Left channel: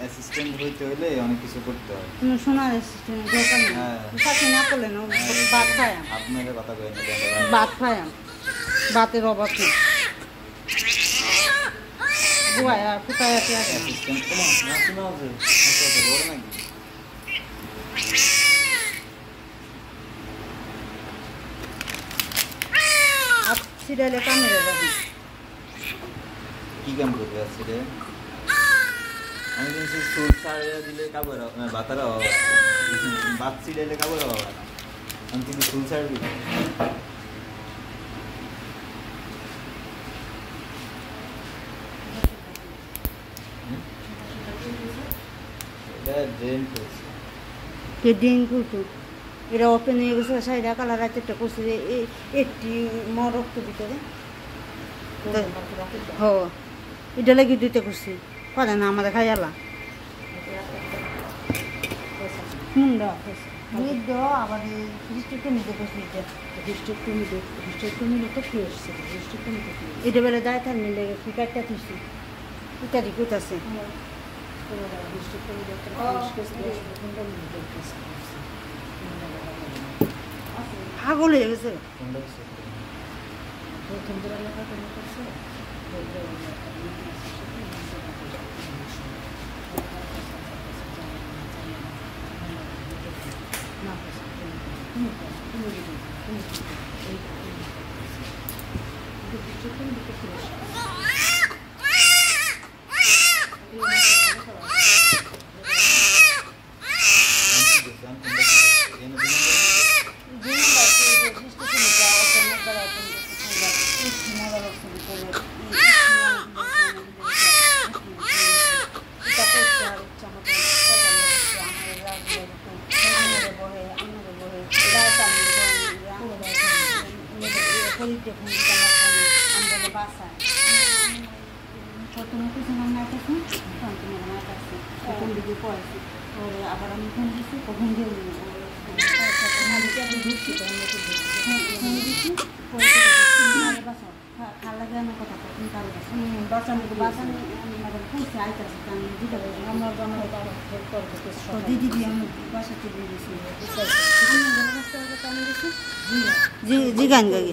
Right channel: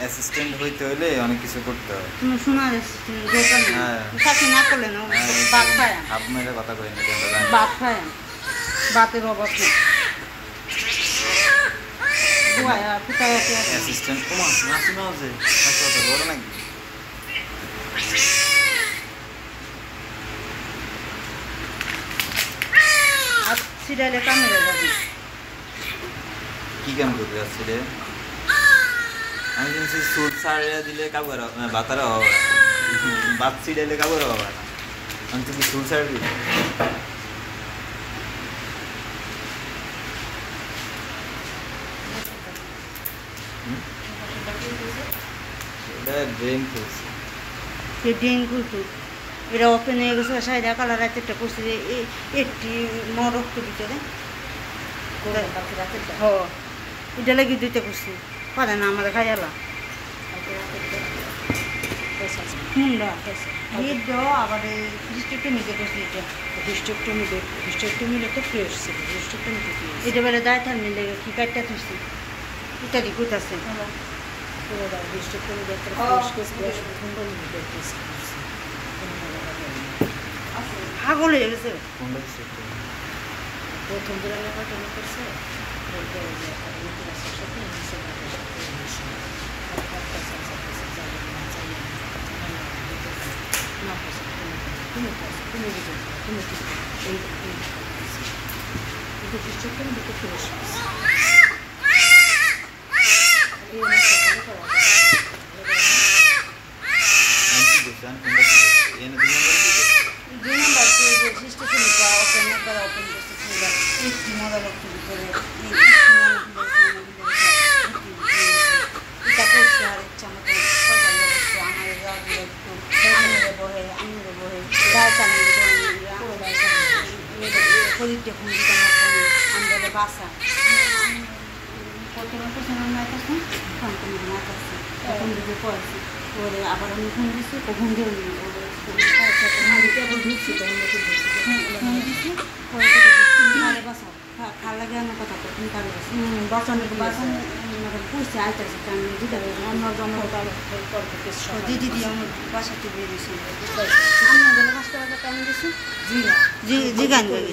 Assistant হইতে হলে অনেক কিছু করতে হয়। তুমি শোনার অ্যাসিস্ট্যান্ট দরকার নেই। শাসন না করলে না বাপ খায়। হাফ মেরে কথা কই না বাপ খায়। বাপের অভাব নেই। বুয়া কোথায় আছে অ্যাসিস্ট্যান্ট ওমা নাচি না আছে হাসপাতাল বড় নাকি? সিরিয়ালে কামে যাবে। কি কাম করতে যাচ্ছি রে? আমি জানছি সুট সারিয়া দিলে কাবর বাতারা হবে, বাত সিরিয়ালে কাবর হবে না। আমি তুই কি সুট সারবি? এটা ব্রেন খুলছে। সে ব্রেন খুলছে। এটা ওপেন হয়ে গেছে সাইডা কালার একটা করছে যে একটি রক্ত ভিতরে এটা লাগি দুইটা করছি পারে না আমাদের খাই আলা আবার ডিস্ট্রিক্টমিতে করছি এটা ডিস্ট্রিক্টমিতে ফ্রেশ ছিল ডিস্ট্রিক্টমিতে এটা বেলা দায় থার মিলে কি কাটটা তুলছি ইত্যাদি করতেছে পাগল হয়ে গেছে প্রথম দিন এলাকাটা করছে বাসা প্রথমে পিছনে ম্যাচ আছে তোমার ম্যাচ আছে এখন দিকে পড়েছি পরে আবার আমি ফোন দিচ্ছি কখন দিয়ে ঢুকছি ফোন দিচ্ছি পরে কারে বাসাও খাল লাগে আমার কথা তুমি কারে বাসানো পুষছে আইতেছি আমি দিতে দিদি দিয়ে আমি বাসাতে দিয়ে দিয়েছি আমি বাসটা কেমন দিচ্ছি জি জি গান গাই